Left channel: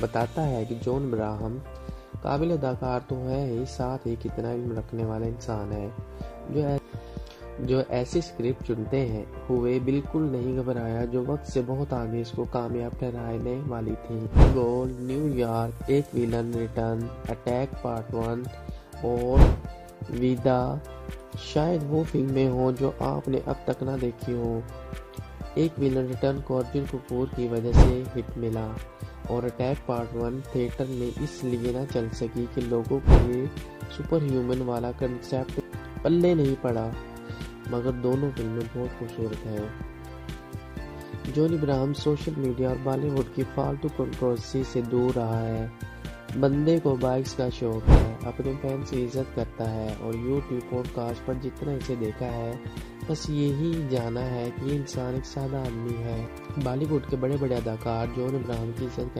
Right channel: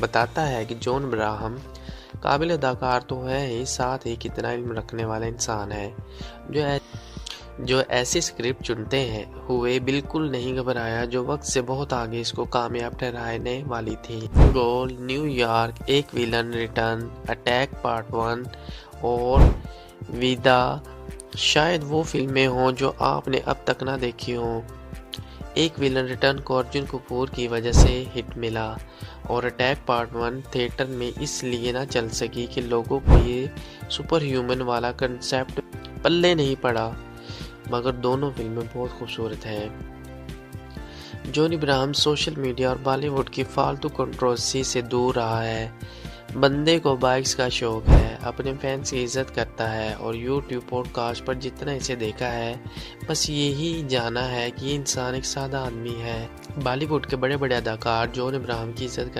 बताता है कि जॉन अब्राहम काबिल अदाकार तो है ही, साथ ही कितना इल्म रखने वाला इंसान है। जो ऐ- जो ऐसी स्क्रिप्ट चुनते हैं हुए बिल्कुल नहीं घबराया, जो वक्त से बहुत आगे इसको कामयाब ठहराने वाली थी। गोल, न्यूयॉर्क, एक विलन रिटर्न, अटैक पार्ट 1 और विदा शायद वो फिल्में हों जो आपने अब तक ना देखी हों। एक विलन रिटर्न को अर्जुन कपूर की वजह से हिट मिला और अटैक पार्ट 1 थिएटर में इसलिए ना चल सकी कि लोगों को ये सुपर ह्यूमन वाला कंसेप्ट पल्ले नहीं पड़ा, मगर दोनों फिल्में बहुत खूबसूरत हैं। जॉन अब्राहम सोशल मीडिया और बॉलीवुड की फालतू कंट्रोवर्सी से दूर रहा है। बंदे को बाइक्स का शौक है, अपने फैंस की इज्जत करता है और यूट्यूब पॉडकास्ट पर जितना इसे देखा है बस यही जाना है कि ये इंसान एक सादा आदमी है। बॉलीवुड के बड़े बड़े अदाकार जॉन अब्राहम की इज्जत करते